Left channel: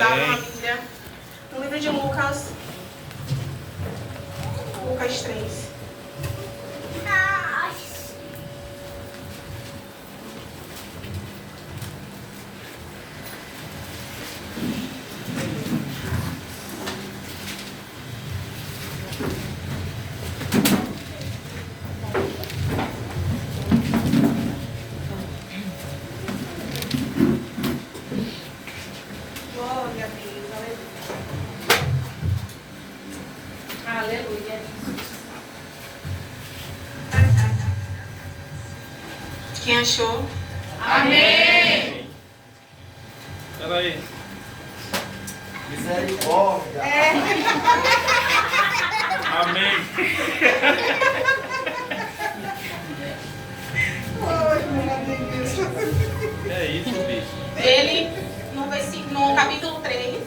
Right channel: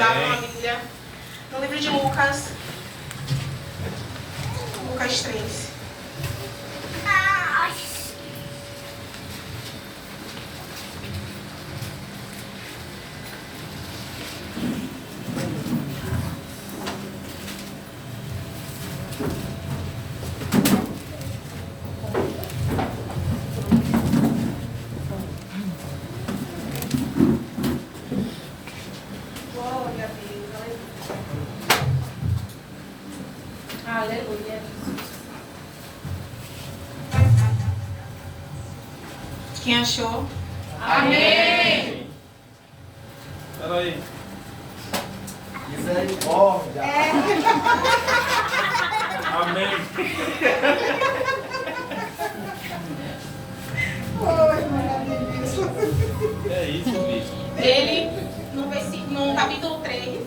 Vamos abrir uma Bíblia no livro de Lucas. Lucas 3. Glória a Deus, aleluia. Aleluia. Quem achou? Amém. Peraí. Misericórdia. Amém. Oi, maravilhoso. É isso, bicho. Ele, no capítulo 3,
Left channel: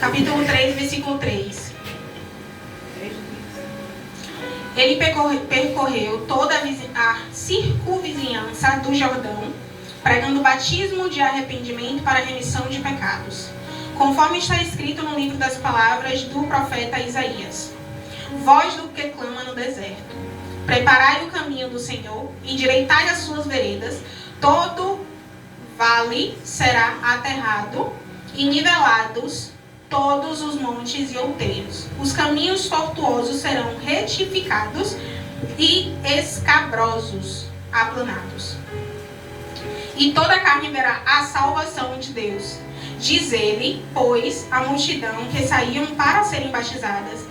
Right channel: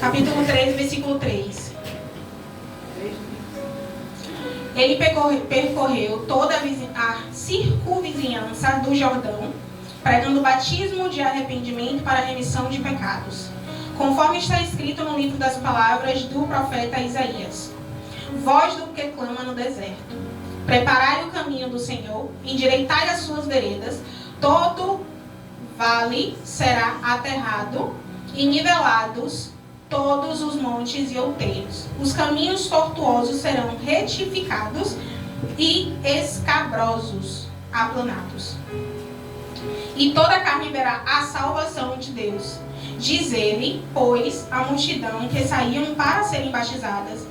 capítulo 3, versículo 3. Ele percorreu toda a circunvizinhança do Jordão, pregando o batismo de arrependimento para a remissão de pecados, conforme está escrito no livro das palavras do profeta Isaías. Voz do que clama no deserto: preparai o caminho do Senhor, endireitai as suas veredas, todo vale será aterrado, e nivelados todos os montes e outeiros. Os caminhos tortuosos serão retificados e escabrosos aplanados. E toda a carne verá a salvação de Deus. Diz ele, pois, a multidão que saíam para serem batizadas:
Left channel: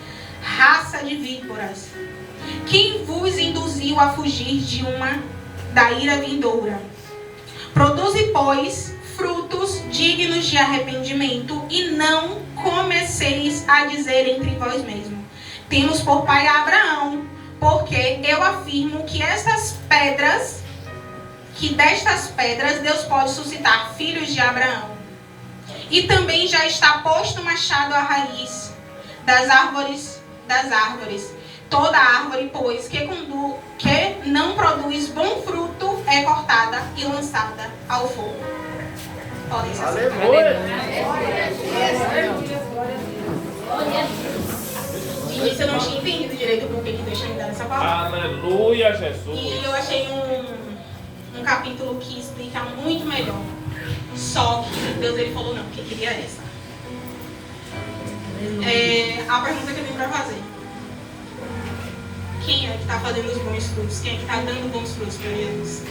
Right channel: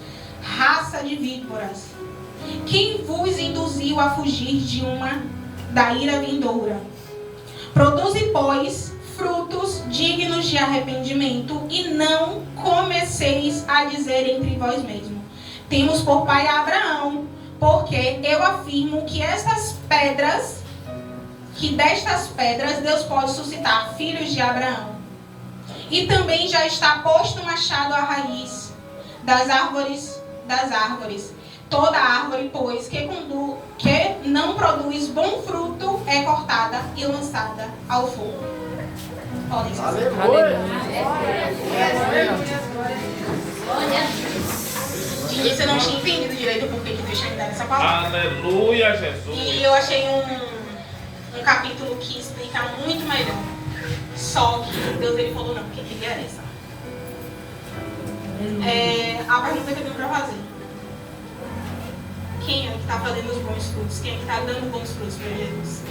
raça de víboras, quem vos induziu a fugir da ira vindoura? Produze, pois, frutos dignos de arrependimento, e não comeceis a dizer entre vós mesmos: temos por pai Abraão, porque eu afirmo que destas pedras Deus pode suscitar filhos de Abraão. E também já está posto o machado à raiz das árvores. Toda árvore, pois, que não produz bom fruto, é cortada e lançada ao fogo. Podem ser. Aleluia. De início eu não tinha entendido direito o porquê que Deus tinha me dado essa palavra. Aleluia, Jesus. E eu achei um capítulo que explica muito melhor. Só que Deus ele falou não, porque queria essa. A pergunta que eu tenho para fazer: quem é que está fazendo os bons frutos? Quem é que está dando bons frutos para Jesus?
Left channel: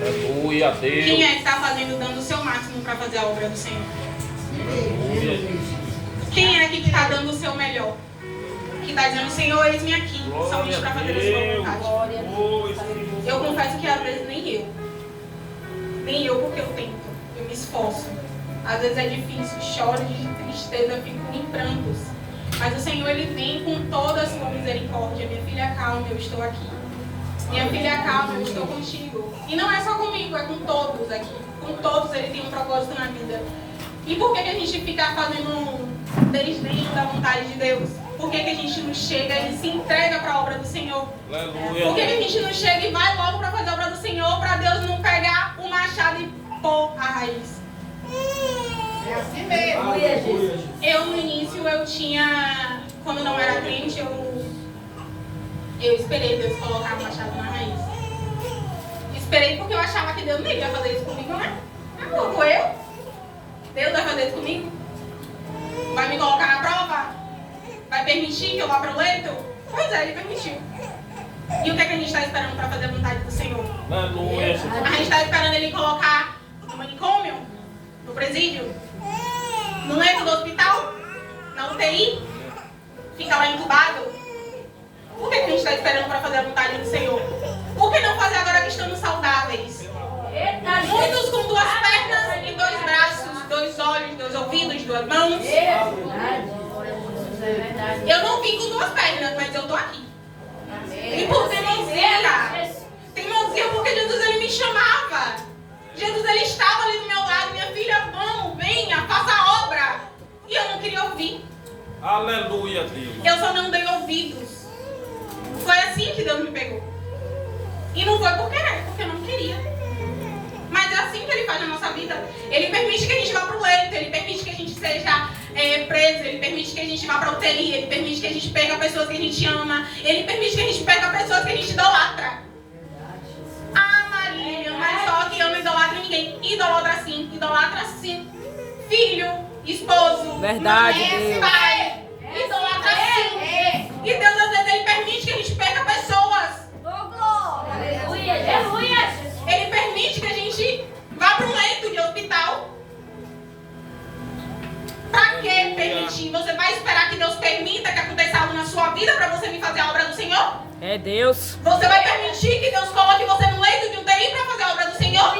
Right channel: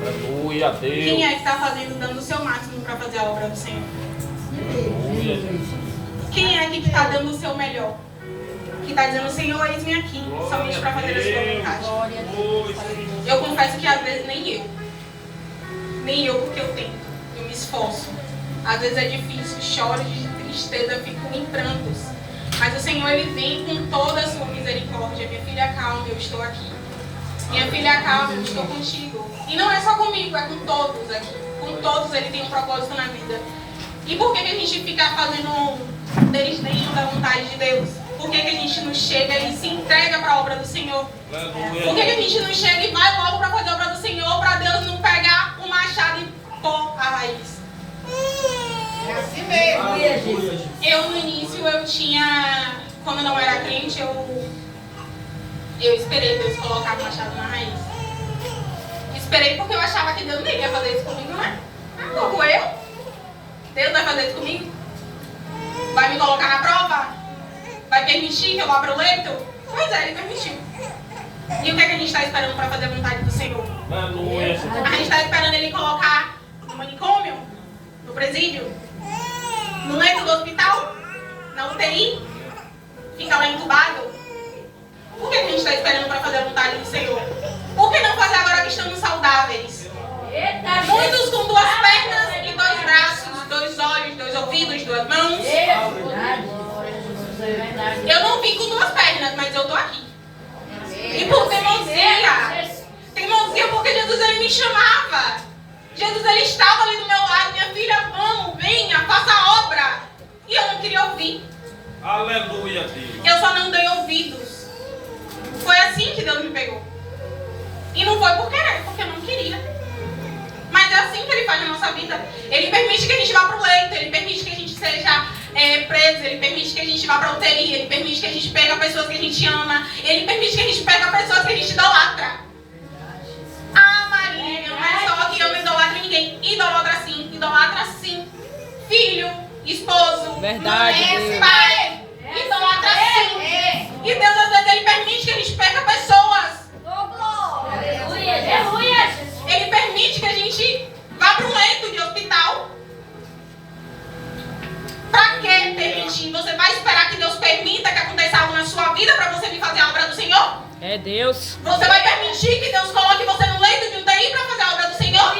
Aleluia, Deus. Quem é que está dando o seu máximo para fazer a obra do Senhor? Aleluia. Quem é que está dando o seu melhor? Que está dizendo: Senhor, eis-me aqui, somente para fazer a sua vontade. Eu confesso que às vezes nem eu porque eu tento, eu me esforço. Às vezes é difícil, choro de tristeza, fico em prantos. Mas o Senhor, ele vem com toda a sua misericórdia. Minha filha, calma, eu estou aqui. Minha filha, calma, eu estou contigo. E não é só comigo, é com todos aqui. Com todos ele tem um propósito na vida. E por que a gente fica fazendo desdenho da vontade de Deus? Por que a gente não chega e se entrega para a obra do Senhor? Aleluia. Por que a gente não chega e vai logo para fazer a obra do Senhor, para Deus não pegar o machado e pôr a raiz? É assim mesmo. Eu no início, quando eu não era crente, eu esperei Deus colocar o machado na raiz. Esperei porque eu achava que Deus não ia fazer isso comigo, não é? Como eu? Deus vai fazer isso comigo? Vai me colocar na prova? Vai permitir que eu vá para o leito? Pois é, ele permitiu. E o que é que a gente está esperando para fazer a vontade do Senhor? Aleluia, Jesus. A gente está esperando ele colocar no manicômio, no presídio, no leito do hospital, na UTI, fica lá entubado. Por que a gente está esperando para fazer a vontade do Senhor? Por que não fazer agora que estamos saudáveis? Muitos com 2 pernas e 2 braços, 2 olhos, 2 ouvidos, 2 mãos. Eu não vim com 2 pernas, mas eu estou aqui. E por teimosia. Teimosia porque Jesus ele me chamava. Jesus ele estava ali do meu lado. Minha filha, vamos, venha, faça a obra. não queria ouvir. Aleluia, Deus. Eu só não dei ouvidos. Foi assim que Deus me pegou. E não foi por querer, porque eu não queria. Mas é assim que Ele faz na nossa vida. Ele permite que a gente vá para o leito, Ele permite que a gente seja preso, Ele permite que a gente vá para a UTI, Ele permite que a gente pegue pessoas que a gente ama, Ele permite que a gente pegue pessoas que a gente idolatra. Ah, Maria, mas só que eu não idolatro ninguém. Idolatra sim. Filho, esposo, Verdade, mãe, Deus. pai. Idolatra sim. E Deus às vezes Ele permite que a gente pegue pessoas. Ele permite que a gente vá para um leito de hospital. Pra que permitir? Você vai esperar que Deus permita que aconteça algo na sua vida para você vir fazer a obra do Senhor? É Deus. Você vai permitir que Deus coloque você no leito de UTI para fazer a obra do Senhor?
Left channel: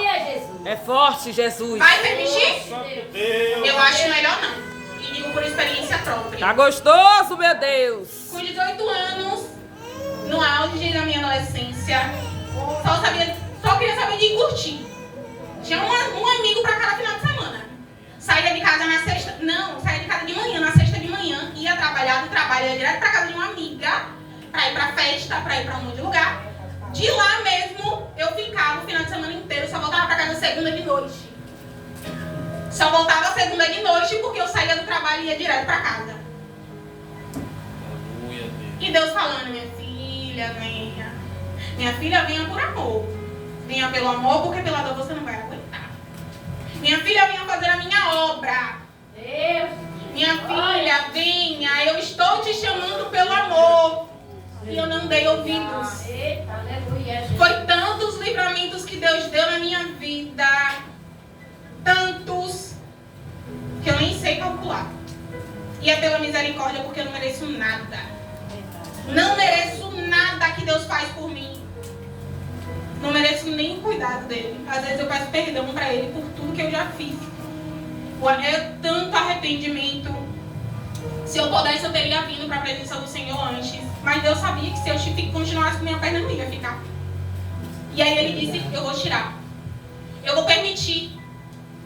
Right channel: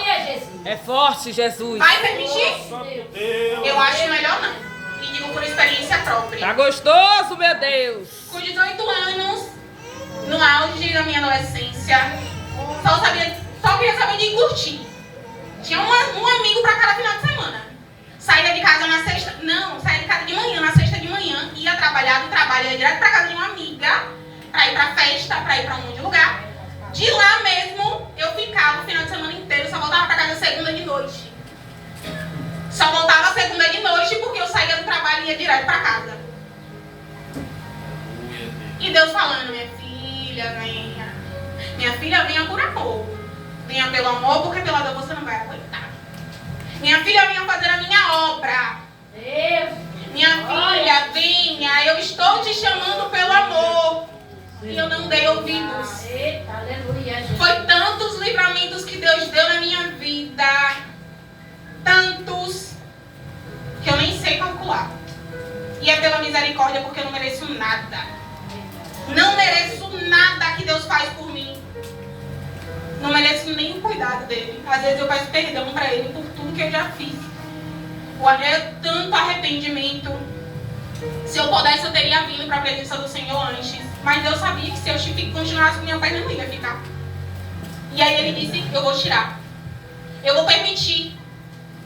É forte, Jesus. Vai permitir? Santo Deus. Eu acho melhor não. E digo por experiência própria. Tá gostoso, meu Deus. Com 18 anos, no auge da minha adolescência, só queria saber de curtir. Tinha um amigo pra cada final de semana. Saía de casa na sexta, saía de casa de manhã, na sexta de manhã, ia trabalhar do trabalho, ia direto pra casa de uma amiga, pra ir pra festa, pra ir pra um monte de lugar. De lá mesmo, eu ficava o final de semana inteiro, só voltava pra casa segunda de noite. Só voltava segunda de noite porque eu saía do trabalho e ia direto pra casa. Aleluia, Deus. E Deus falando, minha filha, venha. Minha filha, venha por amor. Venha pelo amor, porque pela dor você não vai aguentar. Minha filha, venha fazer a minha obra. Minha filha, venha. Eu estou te chamando pelo amor. E eu não dei ouvidos. Foi tantos livramentos que Deus deu na minha vida. Tantos. Que eu nem sei calcular. E é pela misericórdia, porque eu não mereço nada. Não mereço nada que Deus faz por mim. Não mereço nem o cuidado dele. Às vezes eu peço perdão para ele por tudo que eu já fiz. É tanto arrependimento. Se eu pudesse, eu teria vindo para a presença do Senhor antes. Mas Deus sabia que se eu continuasse com minha perna, não ia ficar. E aí ele disse, eu vou tirar. Eu vou permitir.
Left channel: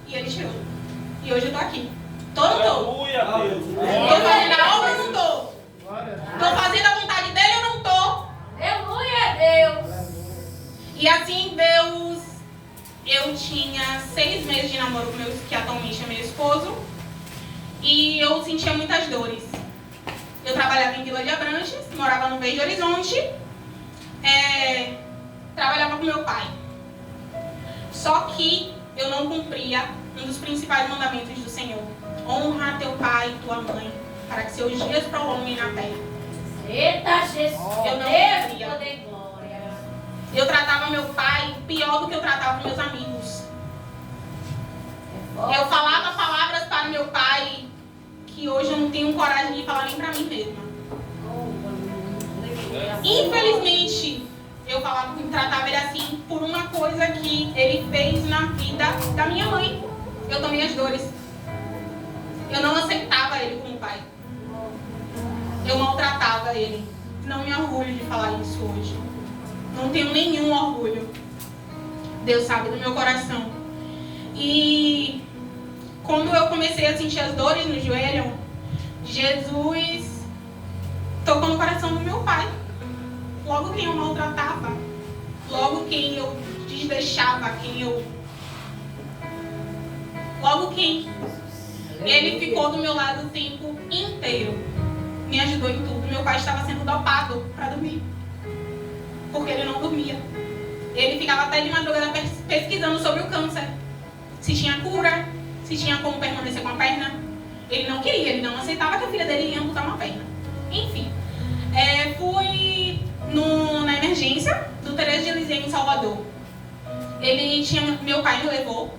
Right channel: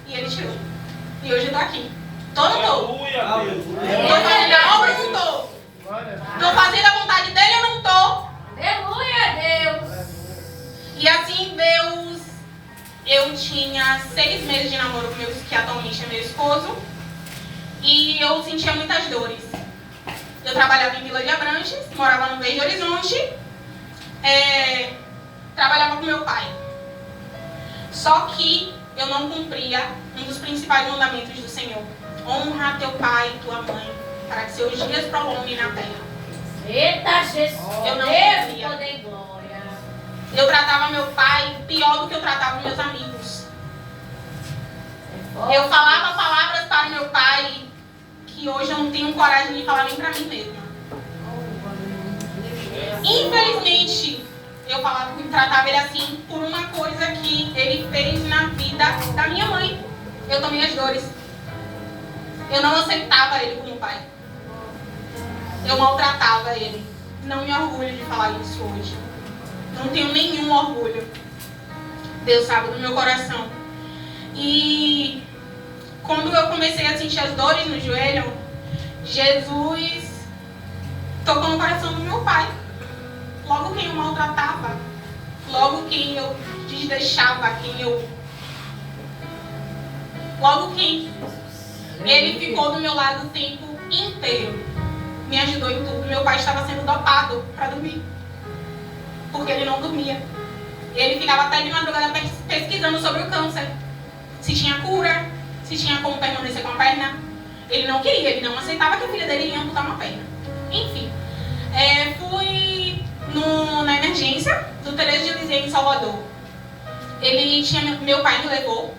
E ele tirou. E hoje eu estou aqui. Tô ou não tô? Aleluia, Deus. Estou fazendo a obra ou não tô? Estou fazendo a vontade dele ou não tô? E assim, Deus, eu tinha 6 meses de namoro com que atualmente é meu esposo. E eu sentia muitas dores. Eu trabalhava em Vila de Abrantes, morava no Verde Horizonte. Trabalhava com meu pai. Só que eu não cumpria um dos principais mandamentos do Senhor. Honra teu pai e tua mãe, para que seus dias prolonguem na terra. Eu não cumpria. Eu tratava meu pai pior do que eu tratava meus amigos. Eu falava palavras para meu pai que hoje eu não tenho coragem de falar nem para mim mesma. Infelizmente, eu tratava ele assim por uma coisa que ele fez na vida da minha mãe. Eu tomei as dores. Eu não aceitava ele como pai. Eu maltratava ele. Não me orgulho de falar isso hoje. Não tenho nenhum orgulho. Deus sabe do meu coração. E quando eu comecei a sentir as dores no joelho, Jesus tocou no coração do meu pai. Logo quem eu maltratava, logo quem eu desdeixava, logo quem ele ficou do meu lado o tempo inteiro. Me ajudou em tudo. Meu pai estava sendo dopado para dormir, porque ele não dormia. Ele ficava até de madrugada pesquisando sobre o câncer, se tinha cura, se tinha como permanecer com a perna. Ele não queria, ele não aceitava que a filha dele ia amputar uma perna. Enfim, fui na emergência do Teresa de Lisieux em Salvador. Meu pai me levou.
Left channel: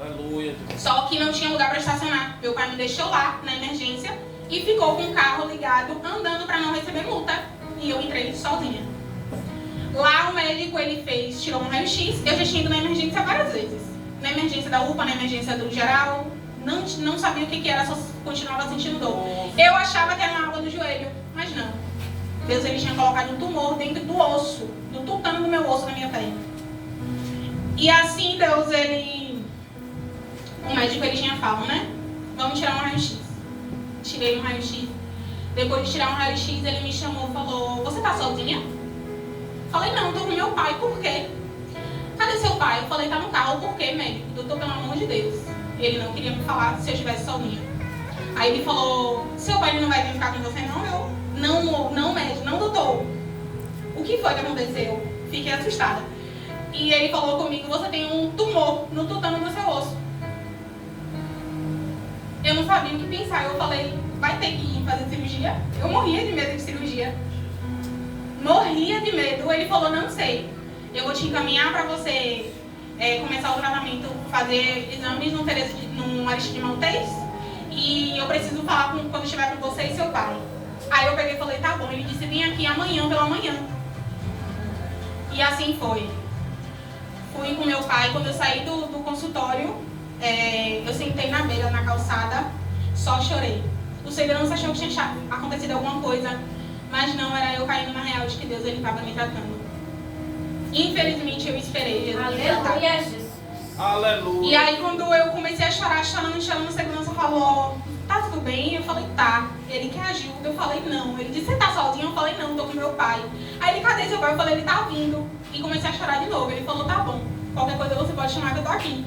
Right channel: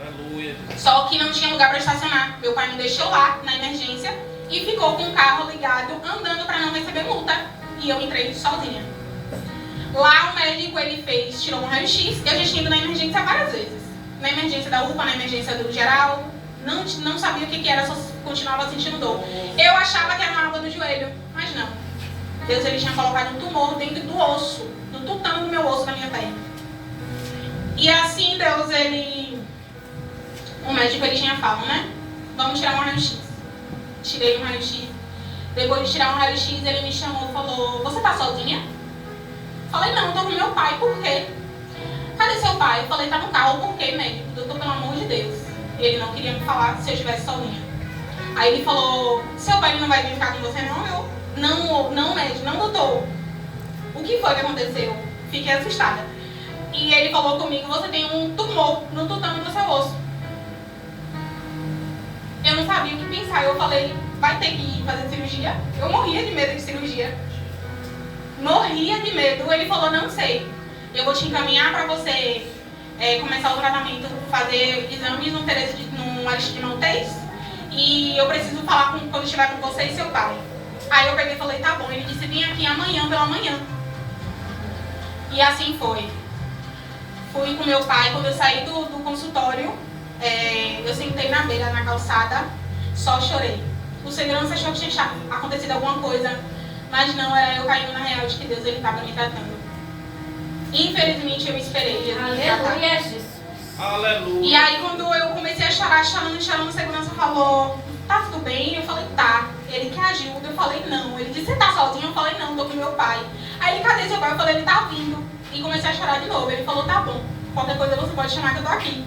Aleluia. Só que não tinha lugar para estacionar. Meu pai me deixou lá na emergência e ficou com o carro ligado, andando para não receber multa. E eu entrei sozinha. Lá o médico tirou um raio-x. Eu já tinha ido na emergência várias vezes. Na emergência da UPA, na emergência do geral. Não sabia o que era, só continuava sentindo dor. Eu achava que era uma água no joelho, mas não. Deus tinha colocado um tumor dentro do osso, do tutano do meu osso na minha perna. E assim Deus, o médico tinha falado, né? Vamos tirar um raio-x. tirei um raio-x. Depois de tirar um raio-x, ele me chamou e falou: você tá sozinha? Falei: não, tô com meu pai. Por quê? Cadê seu pai? Eu falei: tá no carro. Por quê, médico? Eu tô, pelo amor de Deus. E ele não queria me falar se eu estivesse sozinha. Aí ele falou: seu pai não vai vir ficar com você não? Eu: não, médico, não, doutor. O que foi que aconteceu? Fiquei assustada. E ele falou comigo: você tem um tumor no tutano do seu osso. Eu não sabia o que pensar. Eu falei: vai ter que ir fazer cirurgia? Eu morria de medo de cirurgia. Morria de medo. Ele falou: não sei. Eu vou te encaminhar para você começar o tratamento, fazer exames no Aristide Maltês. E eu preciso falar quando estiver com você e seu pai. Aí eu peguei e falei: tá bom. Ele disse: vem aqui amanhã pela manhã. E assim foi. Fui com meu pai. Quando eu saí do consultório, eu sentei na beira, na calçada, só chorei. O segurança achou que tinha acontecido alguma coisa, mas não, era eu caindo na real de que Deus estava me tratando. Infelizmente eu esperei Jesus me tratar. Aleluia, Jesus. Aleluia. E aí quando eu comecei a chorar, chorando, o segurança falou: tá tudo bem? Eu falei: tá. Ele: quer ajuda? Eu falei: não. Ele disse: você tá sozinho? Eu falei: não, tô com meu pai. Aí ele: cadê seu pai? Eu falei: ele tá vindo. E comecei a chorar de novo. Ele falou: tá bom, qualquer coisa você pode chamar que eu tô aqui.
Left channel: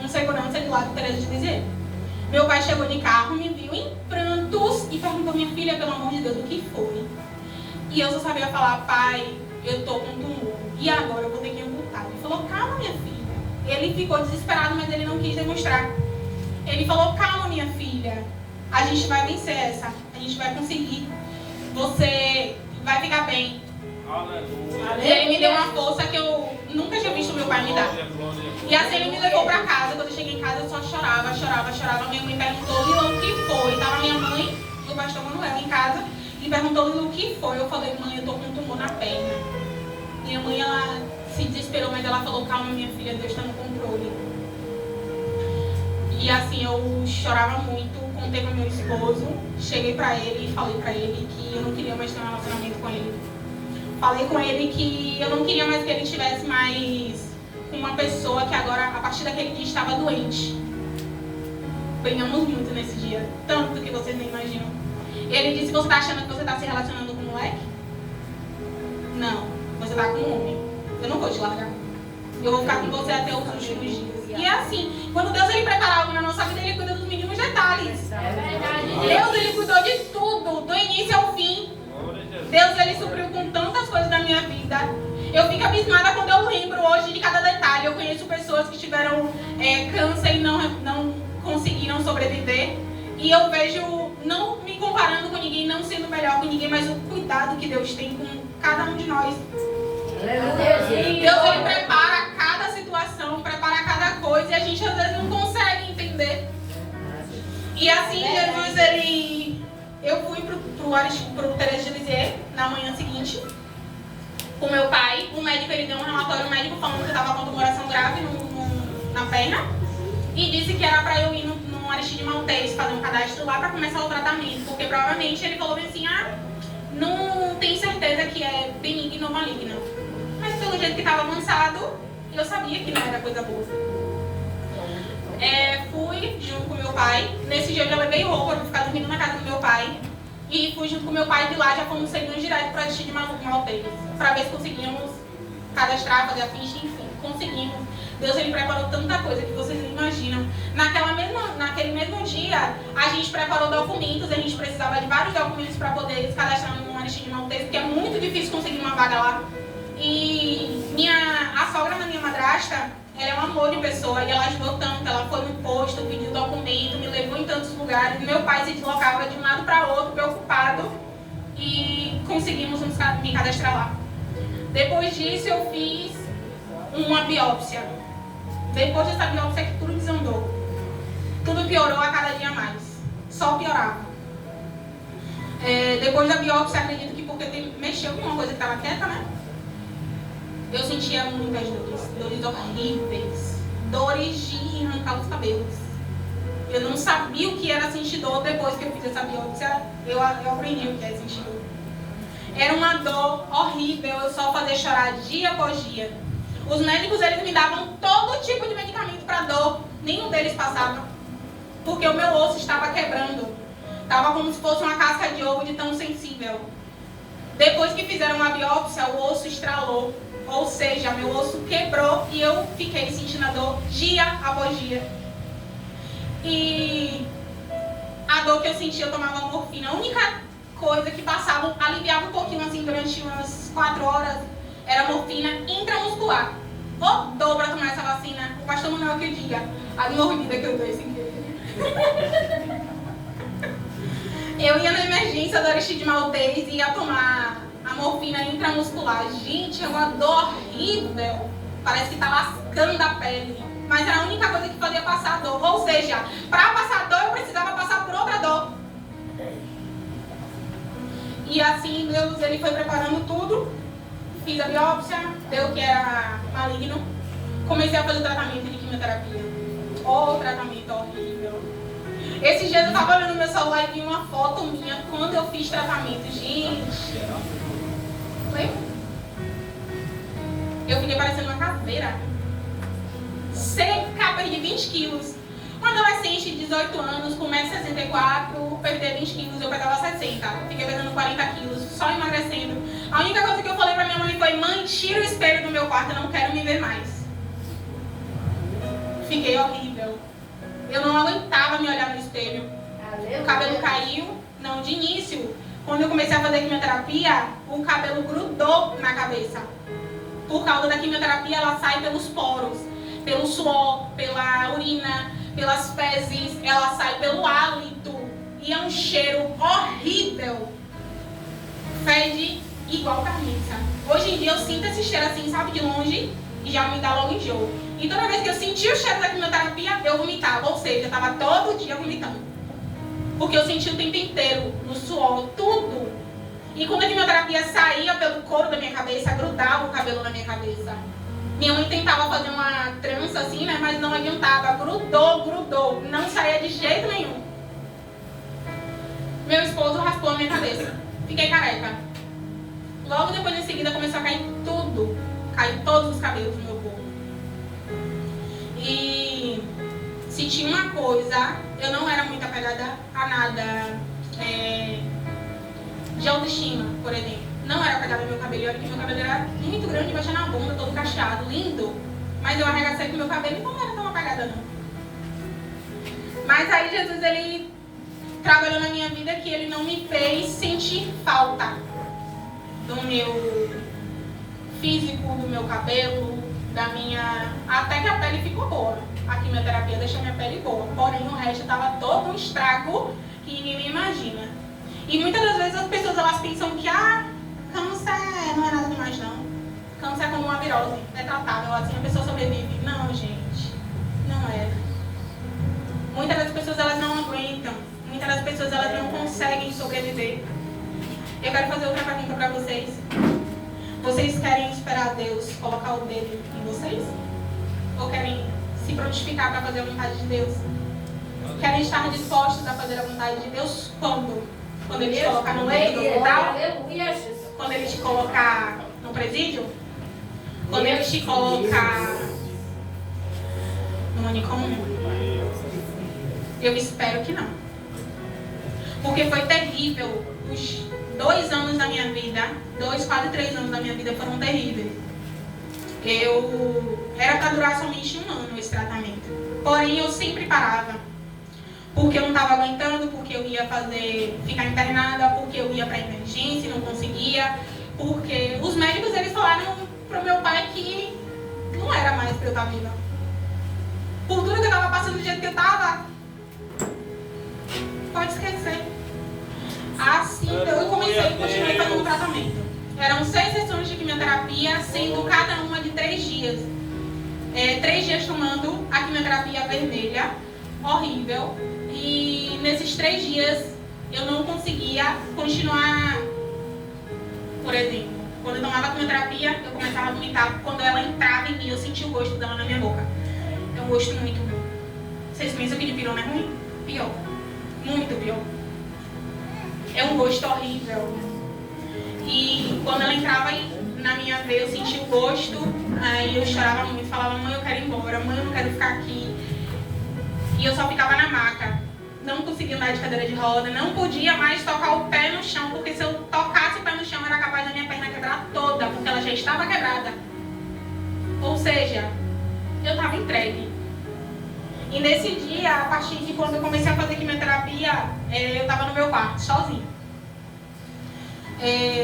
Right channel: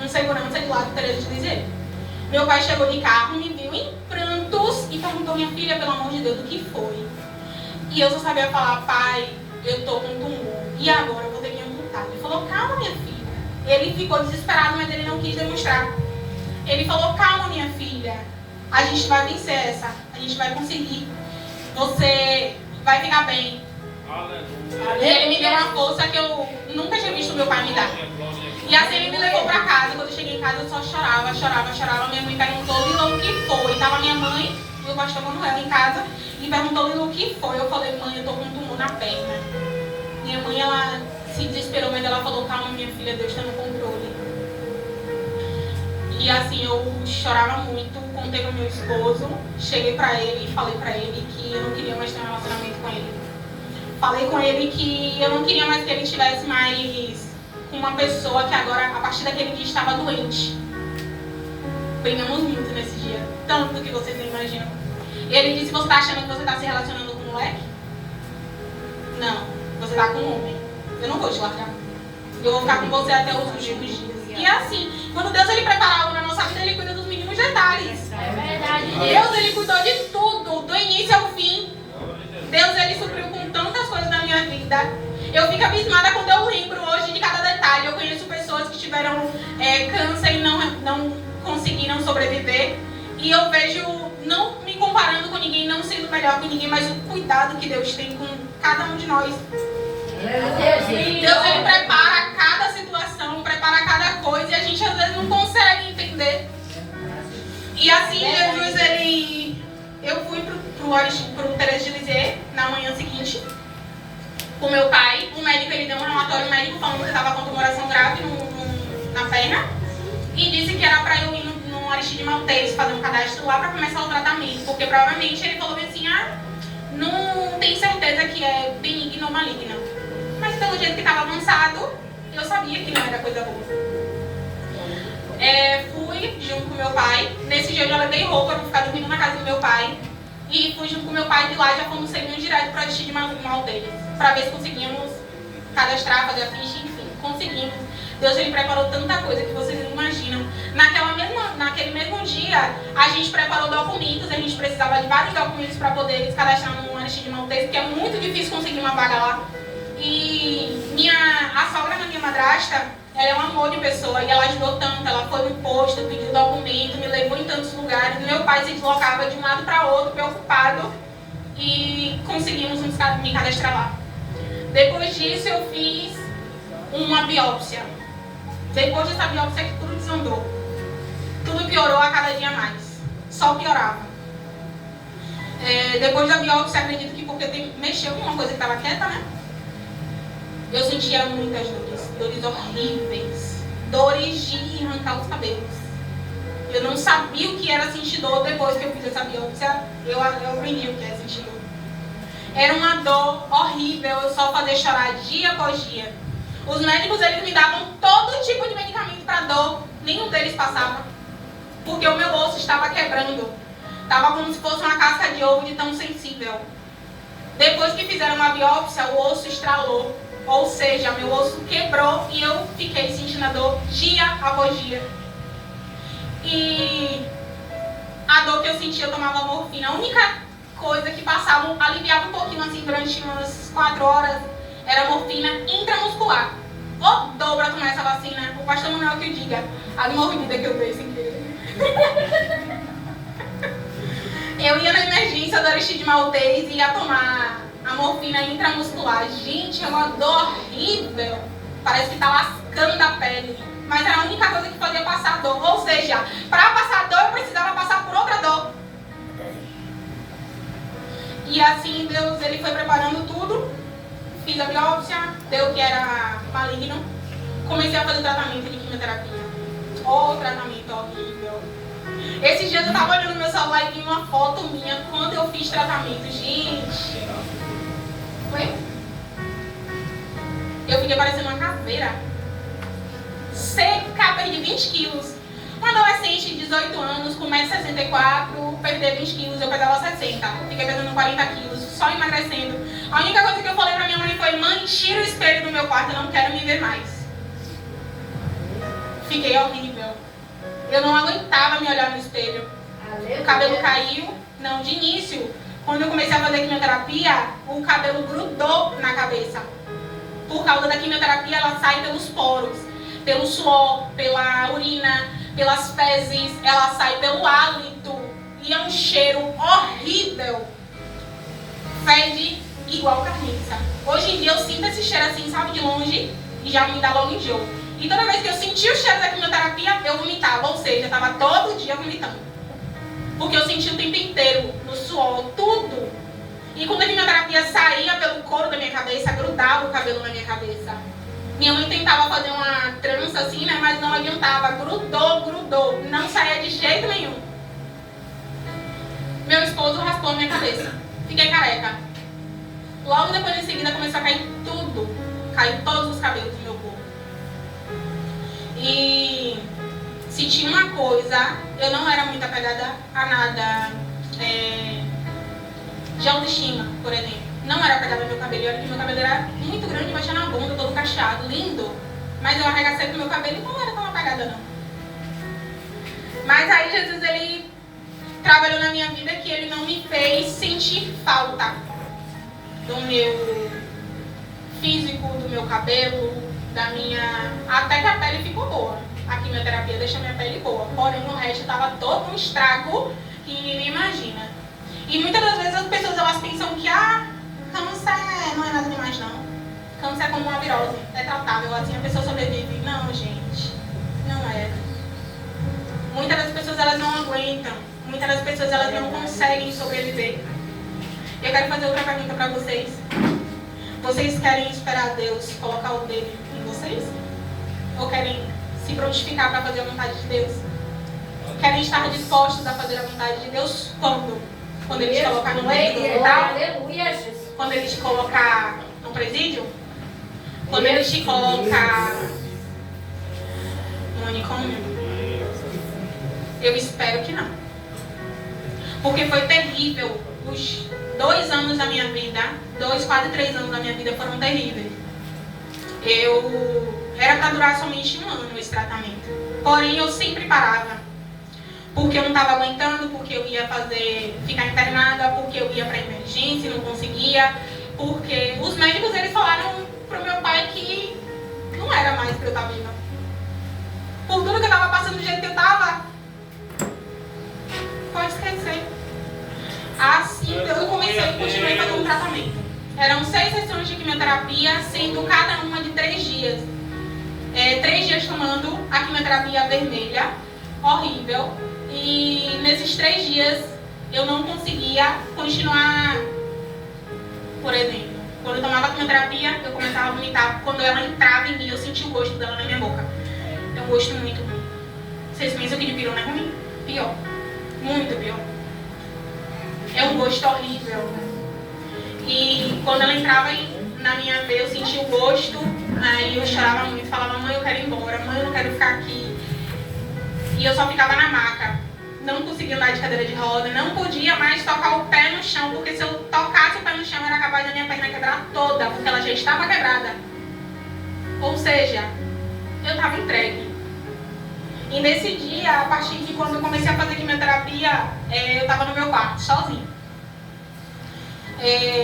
Um segurança de lá do Teresa de Lisieux. Meu pai chegou de carro, me viu em prantos e perguntou: minha filha, pelo amor de Deus, o que foi? E eu só sabia falar: pai, eu tô com tumor. E agora eu vou ter que amputar. Ele falou: calma, minha filha. Ele ficou desesperado, mas ele não quis demonstrar. Ele falou: calma, minha filha. A gente vai vencer essa. A gente vai conseguir. Você vai ficar bem. Aleluia. E ele me deu uma força que eu nunca tinha visto meu pai me dar. E assim ele me levou pra casa. Quando eu cheguei em casa eu só chorava. Minha mãe perguntou: Lila, o que foi? Tava minha mãe e o pastor Manuel em casa. E perguntou: Lila, o que foi? Eu falei: mãe, eu tô com um tumor na perna. Minha mãe, ela se desesperou, mas ela falou: calma, minha filha, Deus tá no controle. E assim eu chorava muito. Contei pro meu esposo. Cheguei pra ele e falei pra ele que eu não queria mais ter um relacionamento com ele. Falei com ele que eu não queria mais que ele estivesse mais com uma pessoa que agora, a partir daquele dia, estava doente. Brigamos muito nesse dia, tanto que vocês não imaginam. E ele disse: você tá achando que você tá se relacionando com um moleque? Não, você tá com um homem. Eu não vou te largar. Eu vou ficar com você até os últimos dias. E é assim, quando Deus ele prepara algo na nossa vida, ele cuida dos mínimos detalhes. É verdade. Deus ele cuidou de tudo, do início ao fim. Deus ele supriu com tantas coisas na minha vida. Eu fico abismada quando eu lembro hoje de cada detalhe. Eu conheço pessoas que tiveram câncer e não conseguiram sobreviver. E eu vejo, não me comparando com ninguém, não sendo melhor que ninguém, mas o cuidado que Deus tem com cada um de nós. Deus ele prepara cada situação, prepara cada coisa e a gente às vezes não consegue entender. E assim Jesus ele... Eu fui pro Teresa de Lisieux na manhã seguinte com meu pai. O médico ele deu um relatório médico falando que eu estava com tumoração grave na perna e disse que era para eu ir no Aristide Maltês fazer um cadastro lá para começar o tratamento, porque provavelmente ele falou assim: não tenho certeza que é benigno ou maligno, mas pelo jeito que estava avançado eu sabia que não era coisa boa. Fui junto com meu pai. Nesse dia eu já levei roupa para ficar dormindo na casa do meu pai. E fui junto com meu pai de lá, já fomos seguindo direto para o Aristide Maltês, para ver se conseguimos cadastrar, fazer a ficha, enfim, conseguimos. Deus ele preparou tanta coisa que vocês não imaginam. Naquele mesmo dia, a gente preparou documentos, a gente precisava de vários documentos para poder se cadastrar no Aristide Maltês, porque é muito difícil conseguir uma vaga lá. E a sogra da minha madrasta, ela é um amor de pessoa e ela ajudou tanto. Ela foi no posto, pediu documento, me levou em tantos lugares. E meu pai se deslocava de um lado para outro, preocupado. E conseguimos me cadastrar lá. Depois disso eu fiz uma biópsia. Depois dessa biópsia que tudo desandou. Tudo piorou a cada dia mais. Só piorava. Depois da biópsia, acredito que porque mexeu com uma coisa que estava quieta, né? Eu sentia muitas dores horríveis, dores de arrancar os cabelos. Eu não sabia o que era sentir dor depois que eu fiz essa biópsia. Eu aprendi o que é sentir dor. Era uma dor horrível, eu só fazia chorar dia após dia. Os médicos eles me davam todo tipo de medicamento para dor, nenhum deles passava, porque o meu osso estava quebrando. Tava como se fosse uma casca de ovo de tão sensível. Depois que fizeram uma biópsia, o osso estralou. Ou seja, meu osso quebrou e eu fiquei sentindo a dor dia após dia. E a dor que eu sentia, eu tomava morfina. A única coisa que passava, aliviava um pouquinho assim durante umas 4 horas, era morfina intramuscular. Ô dor pra tomar essa vacina, o pastor Manuel que eu diga. A mordida que eu dei sem querer. Eu ia na emergência do Aristide Maltês e ia tomar a morfina intramuscular. Gente, é uma dor horrível. Parece que tá lascando a pele. Mas era a única coisa que fazia passar a dor. Ou seja, para passar a dor eu precisava passar por outra dor. E assim Deus ele foi preparando tudo. Fiz a biópsia, deu que era maligno. Comecei a fazer o tratamento de quimioterapia. Oh, tratamento horrível. Esses dias eu tava olhando no meu celular e vi uma foto minha quando eu fiz tratamento. Gente. Oi? Eu fiquei parecendo uma caveira. Seca, perdi 20 quilos. Um adolescente de 18 anos, com 1,64m, perder 20 quilos, eu pesava 60. Fiquei pesando 40 quilos, só emagrecendo. A única coisa que eu falei pra minha mãe foi: mãe, tira o espelho do meu quarto, eu não quero me ver mais. Fiquei horrível. Eu não aguentava me olhar no espelho. O cabelo caiu. Não, de início, quando eu comecei a fazer quimioterapia, o cabelo grudou na cabeça. Por causa da quimioterapia, ela sai pelos poros, pelo suor, pela urina, pelas fezes, ela sai pelo hálito. E é um cheiro horrível. Fede igual carniça. Hoje em dia eu sinto esse cheiro assim, sabe, de longe, e já me dá logo enjoo. E toda vez que eu senti o cheiro da quimioterapia, eu vomitava. Ou seja, eu estava todo dia vomitando. Porque eu senti o tempo inteiro, no suor, tudo. E quando a quimioterapia saía pelo couro da minha cabeça, grudava o cabelo na minha cabeça. Minha mãe tentava fazer uma trança assim, né? Mas não adiantava. Grudou. Não saía de jeito nenhum. Meu esposo raspou a minha cabeça. Fiquei careca. Logo depois, em seguida, começou a cair tudo. Caiu todos os cabelos do meu corpo. E se tinha uma coisa, eu não era muito apegada a nada de autoestima, por exemplo. Não era apegada ao meu cabelo, eu era que meu cabelo era muito grande, baixando a bunda, todo cacheado, lindo. Mas eu arregacei com meu cabelo e não era tão apegada, não. Mas aí Jesus, ele trabalhou na minha vida que ele não me fez sentir falta do meu físico, do meu cabelo, da minha... Até que a pele ficou boa. A quimioterapia deixa a minha pele boa. Porém, o resto estava todo um estrago que ninguém imagina. E muitas das vezes as pessoas elas pensam que câncer não é nada demais, não. Câncer é como uma virose. É tratável, assim a pessoa sobrevive. Não, gente. Não é. Muitas das pessoas elas não aguentam. Muitas das pessoas elas não conseguem sobreviver. Eu quero fazer outra pergunta para vocês. Vocês querem esperar Deus colocar o dedo em vocês? Ou querem se prontificar para fazer a vontade de Deus? Querem estar dispostos a fazer a vontade de Deus quando? Quando Ele te colocar no leito do hospital? Quando Ele te colocar no presídio? Quando Ele te colocar no manicômio? Eu espero que não. Porque foi terrível. Os 2 anos da minha vida, 2, quase 3 anos da minha vida foram terríveis. Era para durar somente 1 ano esse tratamento. Porém, eu sempre parava. Porque eu não estava aguentando, porque eu ia ficar internada, porque eu ia para emergência e não conseguia. Porque os médicos, eles falaram pro meu pai que não era mais para eu estar viva. Por tudo que eu estava passando do jeito que eu estava, pode esquecer. Assim, eu comecei e continuei fazendo o tratamento. Eram 6 sessões de quimioterapia, sendo cada uma de 3 dias. 3 dias tomando a quimioterapia vermelha, horrível. E nesses 3 dias eu não conseguia continuar. Por exemplo, quando eu tomava a quimioterapia, eu começava a vomitar. Quando ela entrava em mim, eu sentia o gosto dela na minha boca. É um gosto muito ruim. Vocês pensam que de pirona é ruim? Pior. Muito pior. É um gosto horrível. E quando ela entrava na minha veia, eu sentia o gosto. Aí eu chorava muito, falava: mãe, eu quero ir embora, mãe, eu não quero ficar aqui. E eu só ficava na maca. não conseguia andar de cadeira de roda, não podia mais tocar o pé no chão, porque se eu tocasse o pé no chão era capaz da minha perna quebrar toda, porque ela já estava quebrada. Ou seja, eu estava entregue. E nesse dia, a partir de quando eu comecei a fazer quimioterapia, eu estava no meu quarto, sozinha.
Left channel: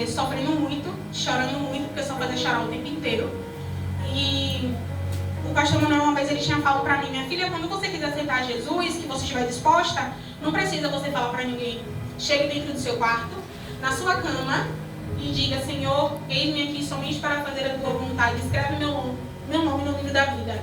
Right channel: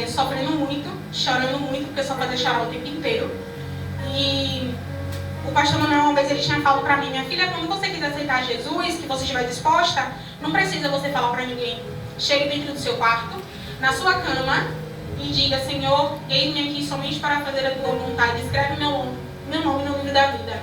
Sofrendo muito, chorando muito, porque eu só fazia chorar o tempo inteiro. E o pastor Manuel, uma vez, ele tinha falado pra mim: minha filha, quando você quiser aceitar Jesus, que você estiver disposta, não precisa você falar pra ninguém. Chegue dentro do seu quarto, na sua cama, e diga: Senhor, eis-me aqui somente para fazer a tua vontade. Escreve meu nome no livro da vida.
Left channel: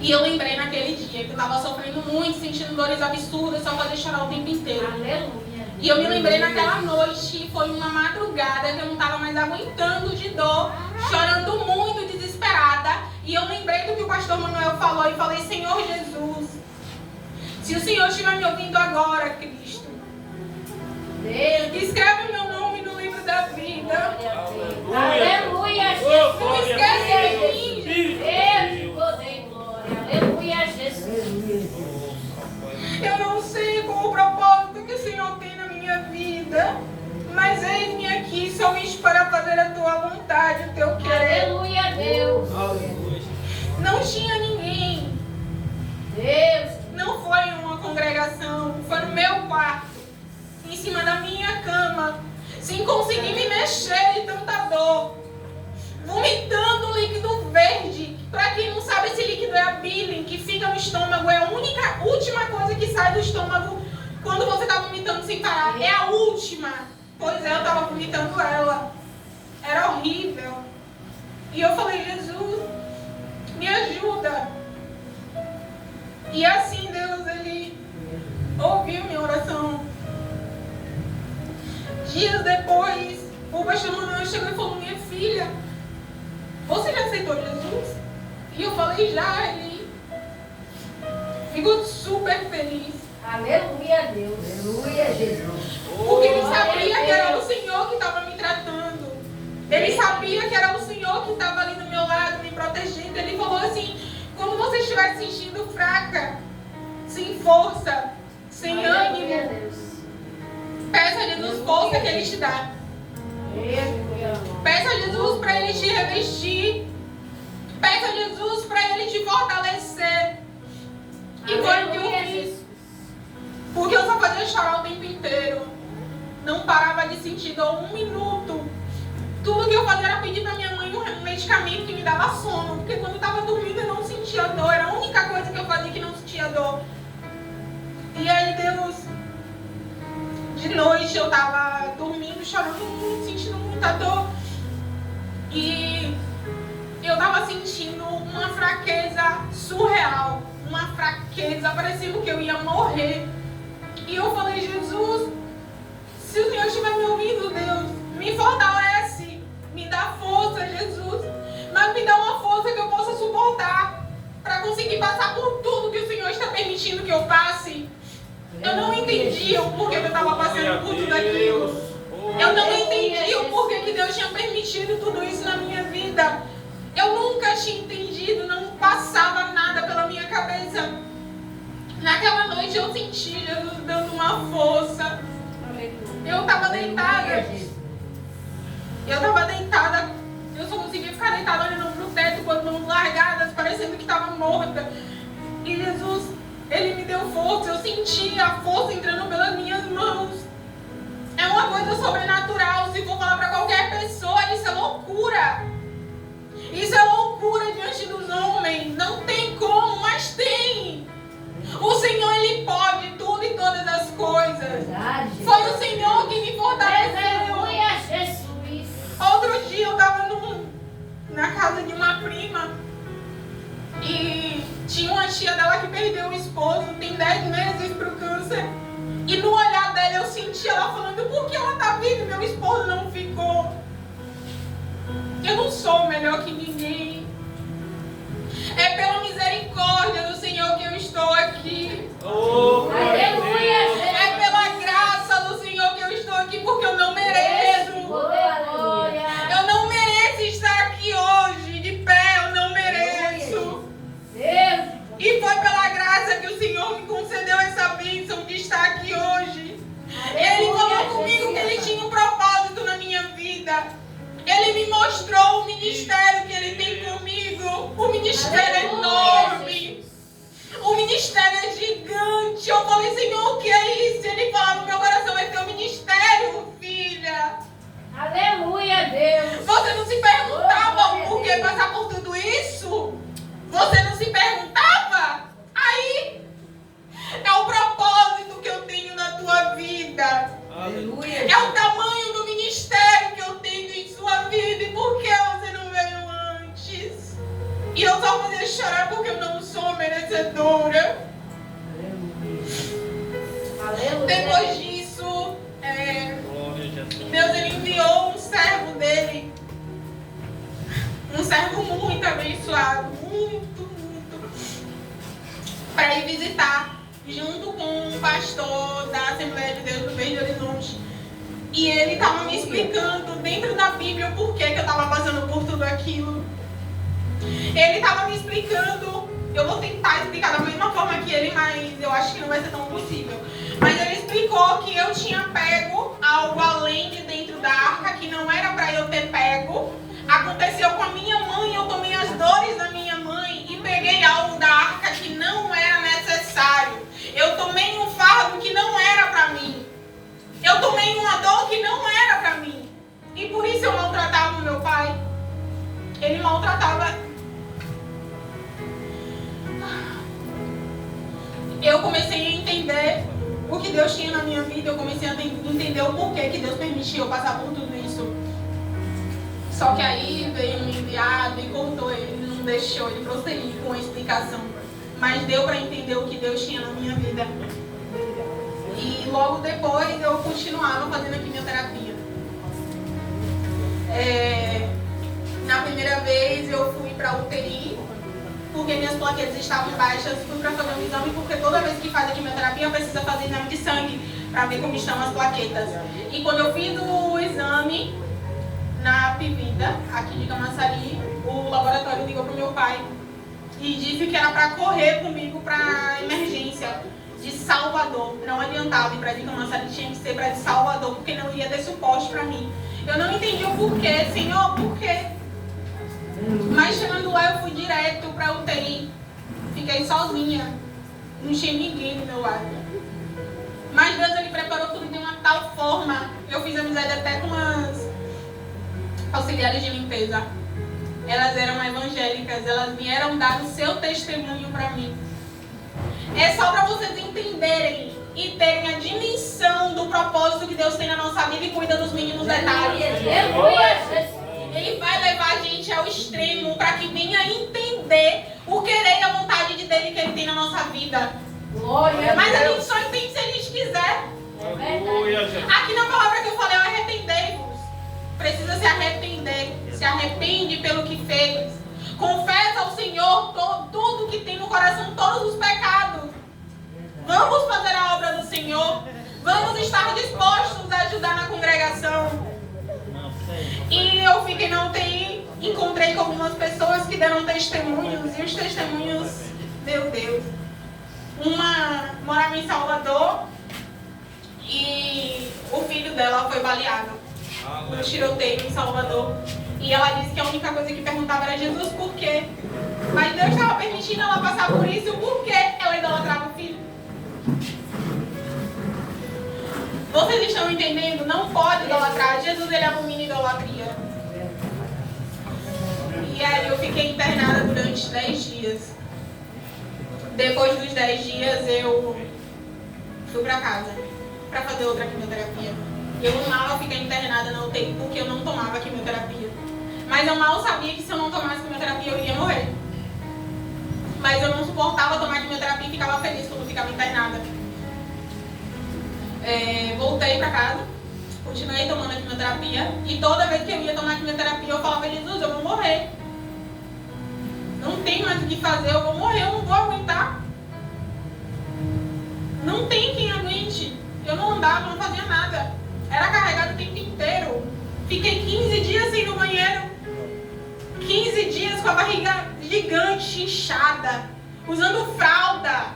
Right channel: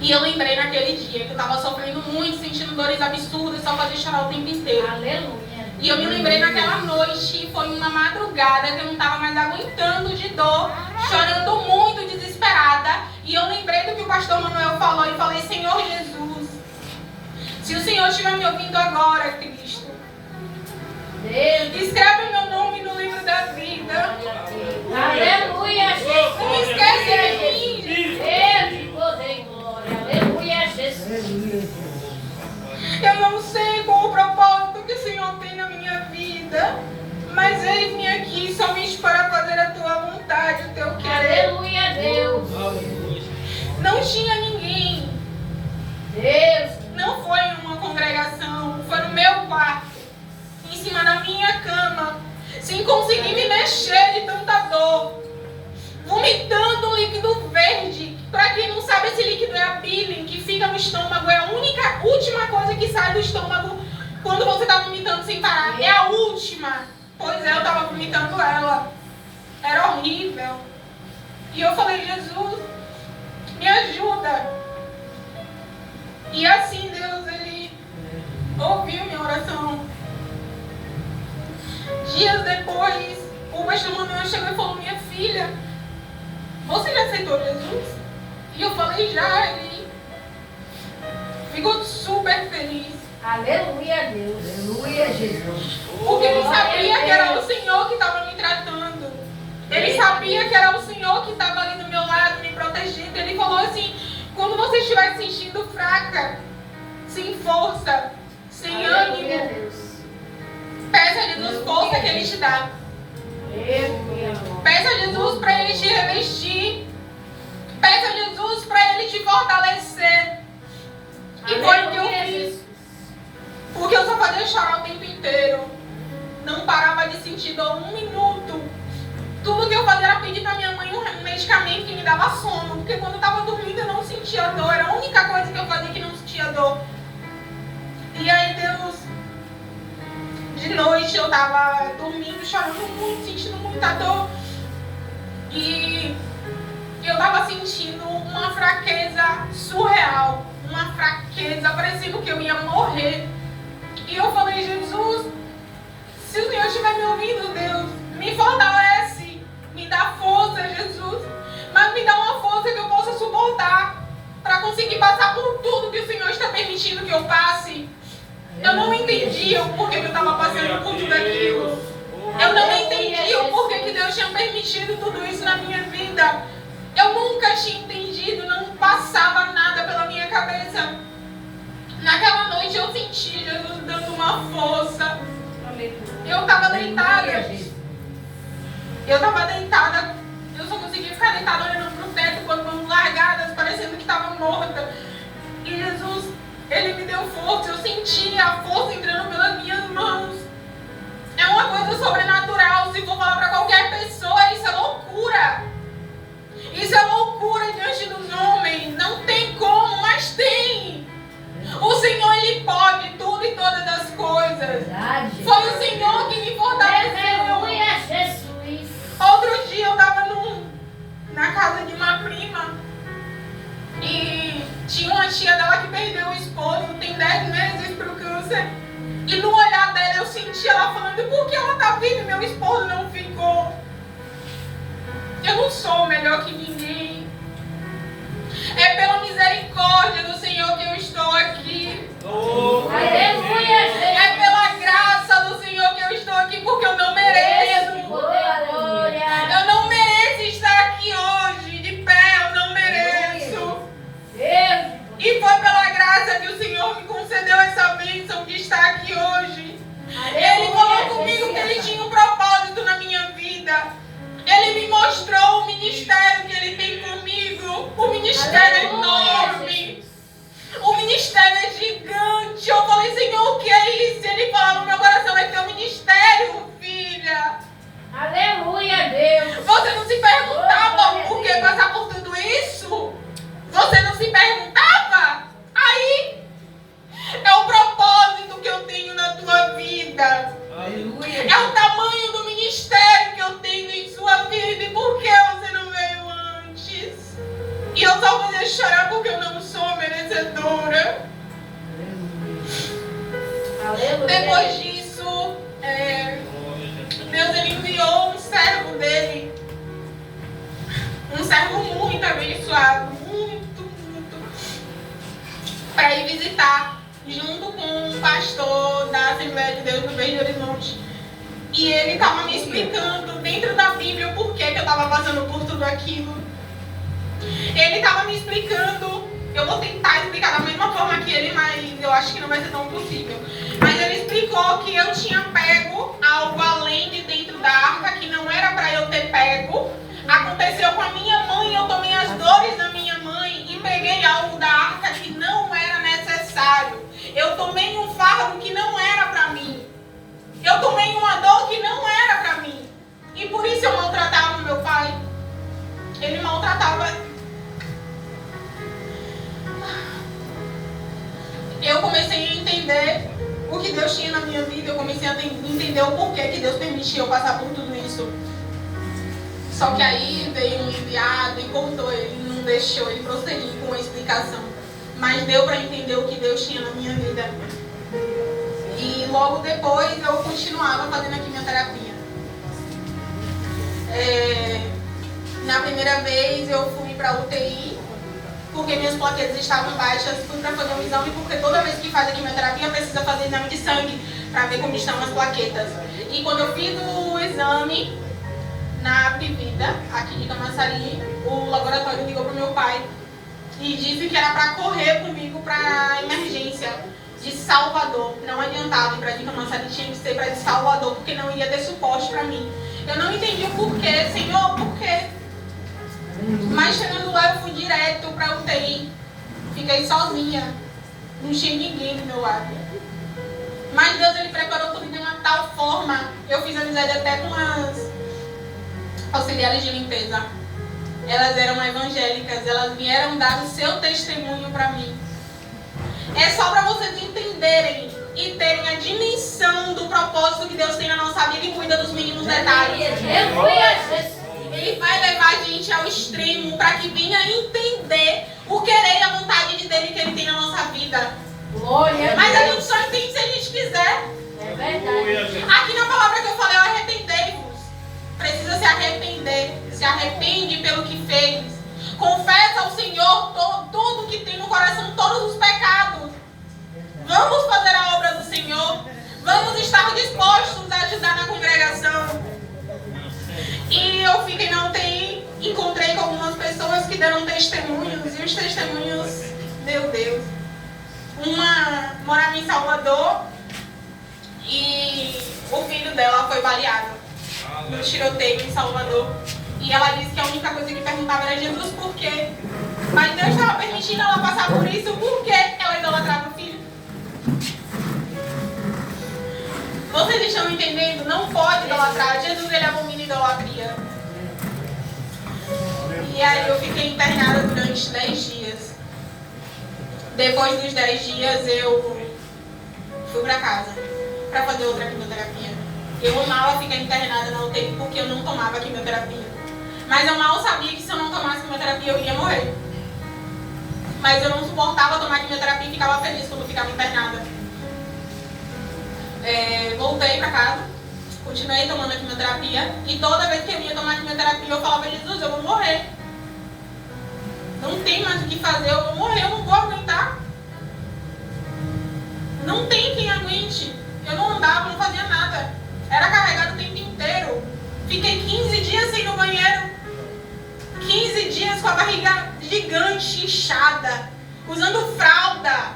E eu lembrei naquele dia que eu estava sofrendo muito, sentindo dores absurdas, só fazia chorar o tempo inteiro. Aleluia. E eu me lembrei naquela noite, foi uma madrugada que eu não estava mais aguentando de dor, chorando muito, desesperada. E eu lembrei do que o pastor Manuel falou e falei: Senhor Jesus, se o Senhor estiver me ouvindo agora, Cristo, escreve meu nome no livro da vida. Aleluia, Jesus. Não esquece de mim. Deus, poder, glória. Aleluia, Jesus. Eu não sei qual o propósito que o Senhor tem na minha vida, mas eis-me aqui somente para fazer a tua vontade, o teu querer. Aleluia, Deus. Não tinha ninguém. Deus. Não foi em uma congregação, foi no meu quarto, em cima da minha cama, sem conseguir me mexer de tanta dor, vomitando um líquido verde. Para quem não sabe, esse líquido é a bile, que fica no estômago, é a última coisa que sai do estômago quando você está vomitando sem parar. É a última. Pois é, eu estava vomitando ela. Era horrível. E eu falei: Jesus, me ajuda. E assim Deus, Ele ouviu minha oração. Dias depois, o pastor Manuel chegou e falou: minha filha, você já aceitou Jesus? E eu falei: já. Ele ficou super feliz. Aleluia, Deus. Aleluia, Jesus. Porque ele sabia que era o Senhor que estava me tratando. Ele sabia que era o Senhor que estava ali do meu lado, me protegendo. Ele falou assim: quando você estiver se sentindo fraca, sem força, sem ânimo, peça a Jesus força que Ele te dá. Peça a Jesus para Ele te revestir. Peça a Jesus para Ele te fortalecer. E foi o que eu fiz. Porque eu só fazia chorar o tempo inteiro. Não parava de sentir dor um minuto. Tudo que eu fazia era pedir para minha mãe um medicamento que me dava sono. Porque quando eu estava dormindo eu não sentia dor. Era a única coisa que eu fazia que não sentia dor. E aí Deus, de noite eu estava dormindo, chorando muito, sentindo muita dor. E eu estava sentindo uma fraqueza surreal. Uma fraqueza, parecendo que eu ia morrer. E eu falei: Jesus, se o Senhor estiver me ouvindo, Deus, me fortalece, me dá força, Jesus, mas me dá uma força que eu possa suportar para conseguir passar por tudo que o Senhor está permitindo que eu passe. Eu não entendia o porquê que eu estava passando por tudo aquilo. Eu não entendia o porquê que Deus tinha permitido tudo isso na minha vida. Eu nunca tinha entendido, não passava nada pela minha cabeça. Naquela noite eu senti Jesus dando uma força. Eu estava deitada. Eu só conseguia ficar deitada olhando para o teto com as mãos largadas, parecendo que estava morta. E Jesus, Ele me deu força. Eu senti a força entrando pelas minhas mãos. É uma coisa sobrenatural. Se for falar para qualquer pessoa, isso é loucura. Isso é loucura diante dos homens. Não tem como, mas tem. O Senhor, Ele pode tudo e todas as coisas. Foi o Senhor que me fortaleceu. Aleluia, Jesus. Outro dia eu estava na casa de uma prima. E tinha uma tia dela que perdeu o esposo. Tem 10 meses pro câncer. E no olhar dela eu senti ela falando: por que ela tá viva e meu esposo não ficou? Eu não sou melhor que ninguém. É pela misericórdia do Senhor que eu estou aqui. Aleluia, Jesus. É pela graça do Senhor que eu estou aqui, porque eu não mereço. Eu não mereço estar aqui hoje, de pé, eu não mereço. E foi pela graça que o Senhor me concedeu essa vida. ministério que Ele tem comigo, o ministério é enorme. O ministério é gigante. Eu falei, Senhor, o que é isso? Ele falava no meu coração, é teu ministério, filha. Aleluia, Deus. Você não se perguntava por que passar por tudo isso? Você não se perguntava? Aí é o propósito que eu tenho na tua vida. Aleluia. É o tamanho do ministério que eu tenho em sua vida. E por que você não veio antes? E eu só fazia chorar porque eu não sou merecedora. Aleluia. Depois disso, Glória a Jesus. Deus ele enviou um servo dele. Um servo muito abençoado. Muito. Para ir visitar. Junto com um pastor da Assembleia de Deus do Verde Horizonte. E ele estava me explicando dentro da Bíblia o porquê que eu estava passando por tudo aquilo. Ele estava me explicando, eu vou tentar explicar da mesma forma que ele, mas eu acho que não vai ser tão possível. Mas ele explicou que eu tinha pego algo além de dentro da arca, que não era para eu ter pego. Aconteceu com a minha mãe, eu tomei as dores da minha mãe e peguei algo da arca que não era necessário. Eu tomei um fardo que não era para mim. Eu tomei uma dor que não era para mim. E por isso eu maltratava o meu pai. Ele maltratava. Eu comecei a entender o que Deus tinha na minha vida. Eu comecei a entender o porquê que Deus permitiu eu passar por tudo isso. Só que aí veio um enviado e cortou ele, não deixou ele prosseguir com a explicação. Mas deu para entender o que Deus tinha na minha vida. E logo depois eu continuava fazendo a quimioterapia. Na primeira vez eu fui para UTI, porque minhas plaquetas estavam baixas. Fui para fazer um exame, porque toda vez que faz a quimioterapia precisa fazer exame de sangue para ver como estão as plaquetas. E quando eu fiz o exame na Apivida, aqui de Camaçari, o laboratório ligou pro meu pai e disse que era para correr comigo para emergência de Salvador. Não adiantava ir para de Camaçari, tinha que ser para de Salvador, porque não iria ter suporte para mim. Eu não entendi o porquê, Senhor, por quê? Mas chegando lá eu fui direto para UTI. Fiquei sozinha, não tinha ninguém do meu lado. Mas Deus ele preparou tudo de uma tal forma. Eu fiz amizade até com as auxiliares de limpeza. Elas eram evangélicas, elas vieram dar o seu testemunho para mim. É só para vocês entenderem e terem a dimensão do propósito que Deus tem na nossa vida e cuida dos mínimos detalhes. Ele vai levar a gente ao extremo para que venha entender o querer e a vontade de dele que ele tem na nossa vida. Mas a gente só entende se a gente quiser. Glória a Jesus. Aqui na palavra que eu falei, arrependei-vos. Precisa se arrepender. Se arrepende pelo que fez. Confessa ao Senhor tudo que tem no coração, todos os pecados. Vamos fazer a obra do Senhor. Vamos estar dispostos a ajudar na congregação. E eu fiquei na UTI, encontrei com algumas pessoas que deram testemunhos. E os testemunhos, meu Deus. Uma morava em Salvador e o filho dela foi baleado no tiroteio em Salvador. E ela disse que a única coisa que perguntava era Jesus, por quê? Mas Deus estava permitindo ela passar por isso, porque ela idolatrava o filho. Vocês estão entendendo? Não pode idolatrar. Jesus, ele abomina idolatria. E aí eu fiquei internada durante 10 dias. Depois dos 10 dias eu fui pra casa pra fazer outra quimioterapia. Eu amava ficar internada na UTI porque eu não tomava quimioterapia. Mas eu mal sabia que se eu não tomasse quimioterapia eu iria morrer. Mas eu não suportava tomar quimioterapia e ficava feliz quando eu ficava internada. Voltei pra casa, continuei tomando a quimioterapia. E toda vez que eu ia tomar quimioterapia eu falava, Jesus, eu vou morrer. Não tem mais o que fazer, eu vou morrer, eu não vou aguentar. Não tem quem aguente. Eu não andava, não fazia nada. Era carregado o tempo inteiro. Fiquei 15 dias sem ir no banheiro. 15 dias com a barriga gigante, inchada. Usando fralda.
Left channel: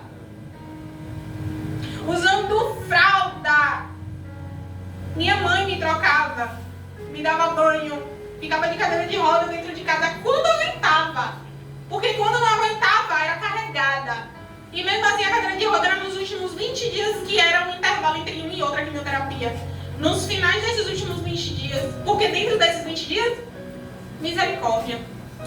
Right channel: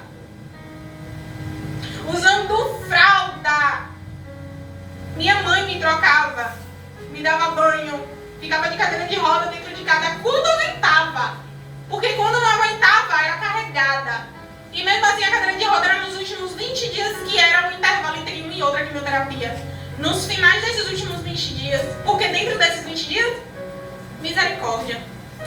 Usando fralda. Minha mãe me trocava. Me dava banho. Ficava de cadeira de roda dentro de aplicada quando aguentava. Porque quando não aguentava, era carregada. E mesmo assim, a cadeira de roda era nos últimos 20 dias, que era um intervalo entre uma e outra quimioterapia. Nos finais desses últimos 20 dias, porque dentro desses 20 dias, misericórdia.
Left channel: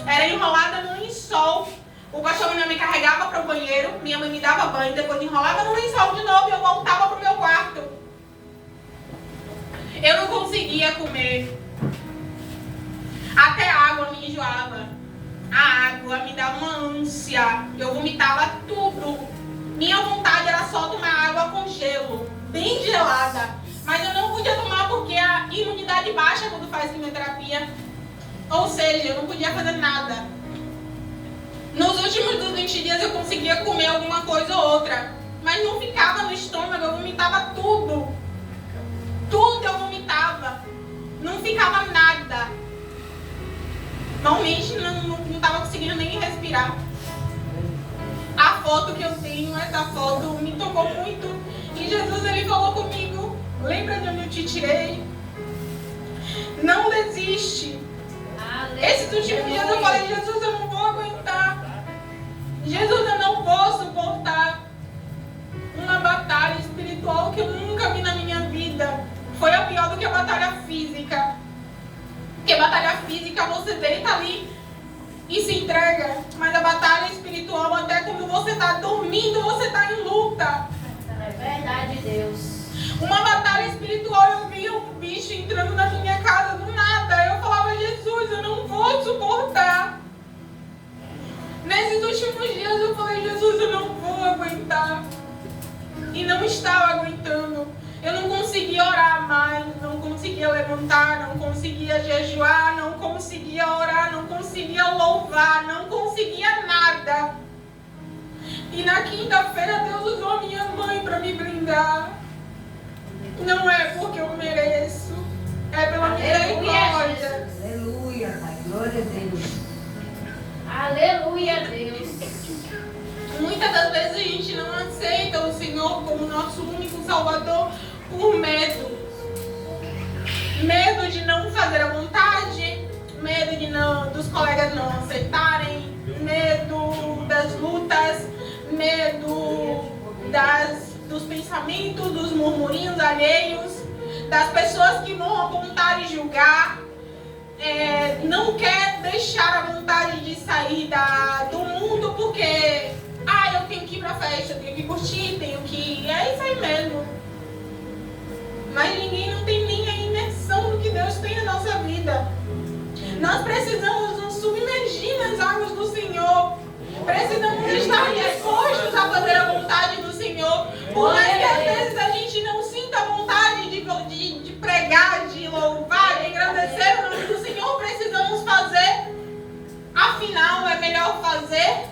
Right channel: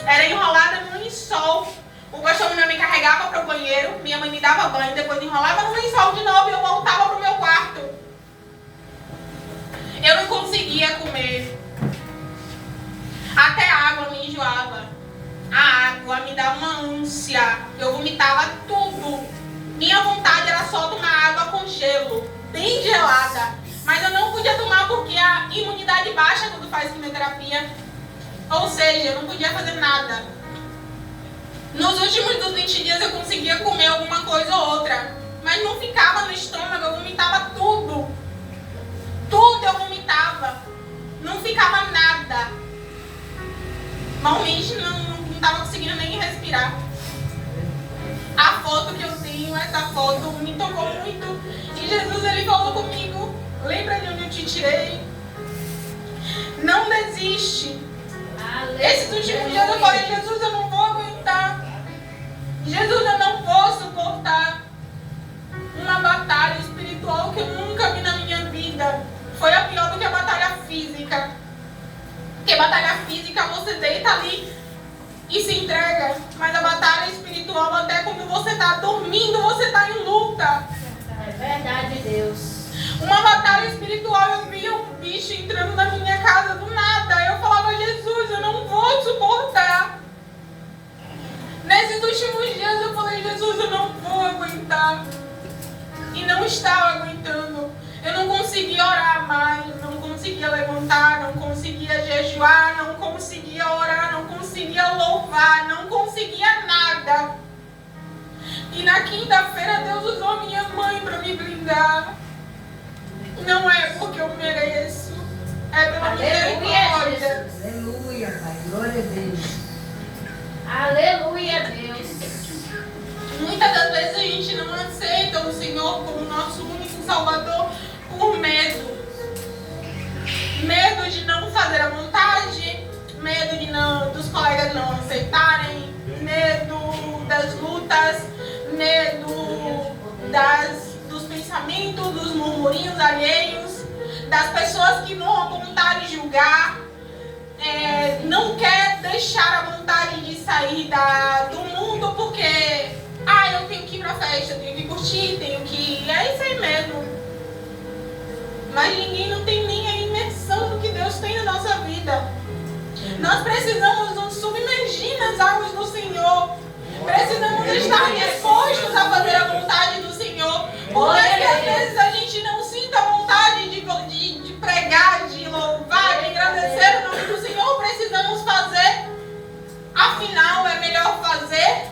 Era enrolada num lençol. O pastor me carregava para o banheiro, minha mãe me dava banho, depois enrolava no lençol de novo e eu voltava para o meu quarto. Eu não conseguia comer. Até a água me enjoava. A água me dava uma ânsia. Eu vomitava tudo. Minha vontade era só tomar água com gelo, bem gelada. Mas eu não podia tomar porque a imunidade baixa quando faz quimioterapia. Ou seja, eu não podia fazer nada. Nos últimos dos 20 dias eu conseguia comer alguma coisa ou outra. Mas não ficava no estômago, eu vomitava tudo. Tudo eu vomitava. Não ficava nada. Realmente não estava conseguindo nem respirar. A foto que eu tenho, essa foto me tocou muito. E Jesus, ele falou comigo: lembra de onde eu te tirei? Não desiste. Esses últimos dias eu falei: Jesus, eu não vou aguentar. Jesus, eu não vou suportar uma batalha espiritual que eu nunca vi na minha vida. Foi a pior do que a batalha física. Porque batalha física você deita ali e se entrega. Mas a batalha espiritual, até quando você está dormindo, você está em luta. É verdade, Deus. Uma batalha espiritual, eu via um bicho entrando na minha casa do nada. Eu falava: Jesus, eu não vou suportar. Nesses últimos dias eu falei: Jesus, eu não vou aguentar. E não estava aguentando. Eu não conseguia orar mais, não conseguia levantar, não conseguia jejuar, não conseguia orar, não conseguia louvar, não conseguia nada. E na quinta-feira Deus usou minha mãe para me blindar. Não é porque eu mereço, é pela misericórdia. Aleluia, Pai. Glória a Deus. Aleluia, Deus. Muitas das vezes a gente não aceita o Senhor como nosso único Salvador por medo. Medo de não fazer a vontade, medo de dos colegas não aceitarem, medo das lutas, medo dos pensamentos, dos murmurinhos alheios, das pessoas que vão apontar e julgar. Não quer deixar a vontade de sair do mundo porque eu tenho que ir pra festa, eu tenho que curtir, tenho que... É isso aí mesmo. Mas ninguém não tem nem a imersão do que Deus tem na nossa vida. Nós precisamos nos submergir nas águas do Senhor. Precisamos estar dispostos a fazer a vontade do Senhor. Por mais que às vezes a gente não sinta vontade de pregar, de louvar, de engrandecer o nome do Senhor, precisamos fazer. Afinal, é melhor fazer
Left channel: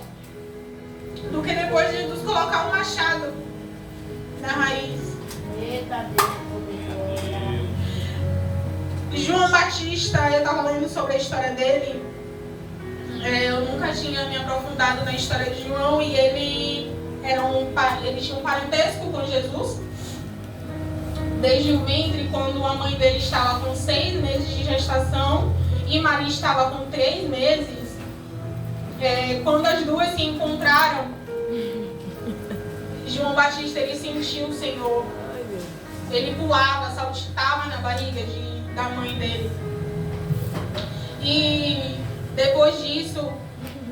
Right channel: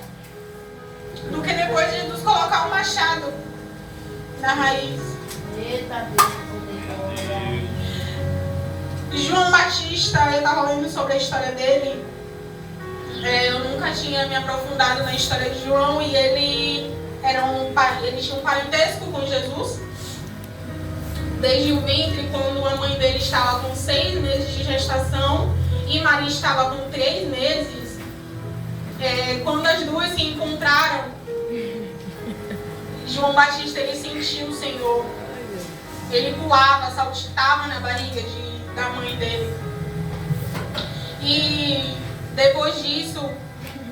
do que depois de nos colocar um machado na raiz. Eita Deus. João Batista, eu estava lendo sobre a história dele. Eu nunca tinha me aprofundado na história de João e ele tinha um parentesco com Jesus. Desde o ventre, quando a mãe dele estava com 6 meses de gestação e Maria estava com 3 meses, quando as duas se encontraram, João Batista, ele sentiu o Senhor. Ele pulava, saltitava na barriga da mãe dele. E depois disso,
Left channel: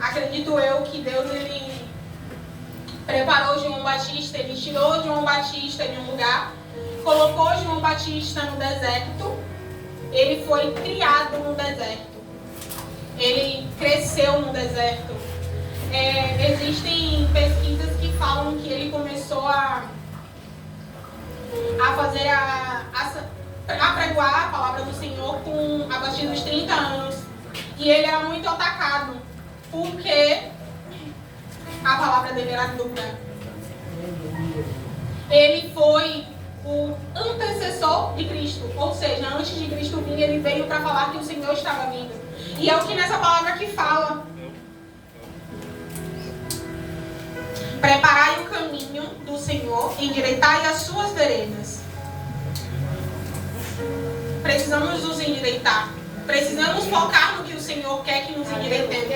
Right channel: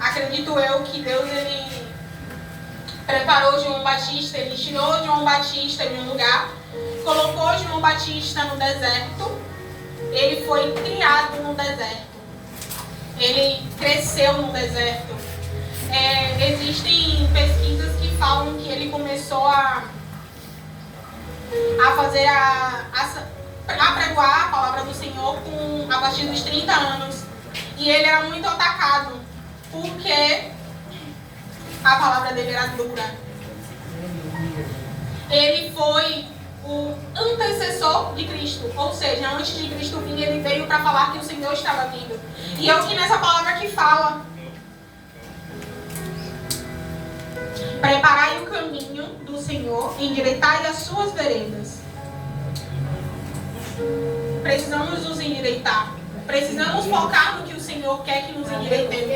acredito eu que Deus, ele preparou João Batista, ele tirou João Batista de um lugar, colocou João Batista no deserto. Ele foi criado no deserto. Ele cresceu no deserto. Existem pesquisas que falam que ele começou a fazer a pregoar a palavra do Senhor a partir dos 30 anos. E ele era muito atacado, porque a palavra dele era dura. Ele foi o antecessor de Cristo, ou seja, antes de Cristo vir, ele veio para falar que o Senhor estava vindo. E é o que nessa palavra que fala: preparai o caminho do Senhor, endireitai as suas veredas. Precisamos nos endireitar. Precisamos focar no que o Senhor quer que nos endireitemos.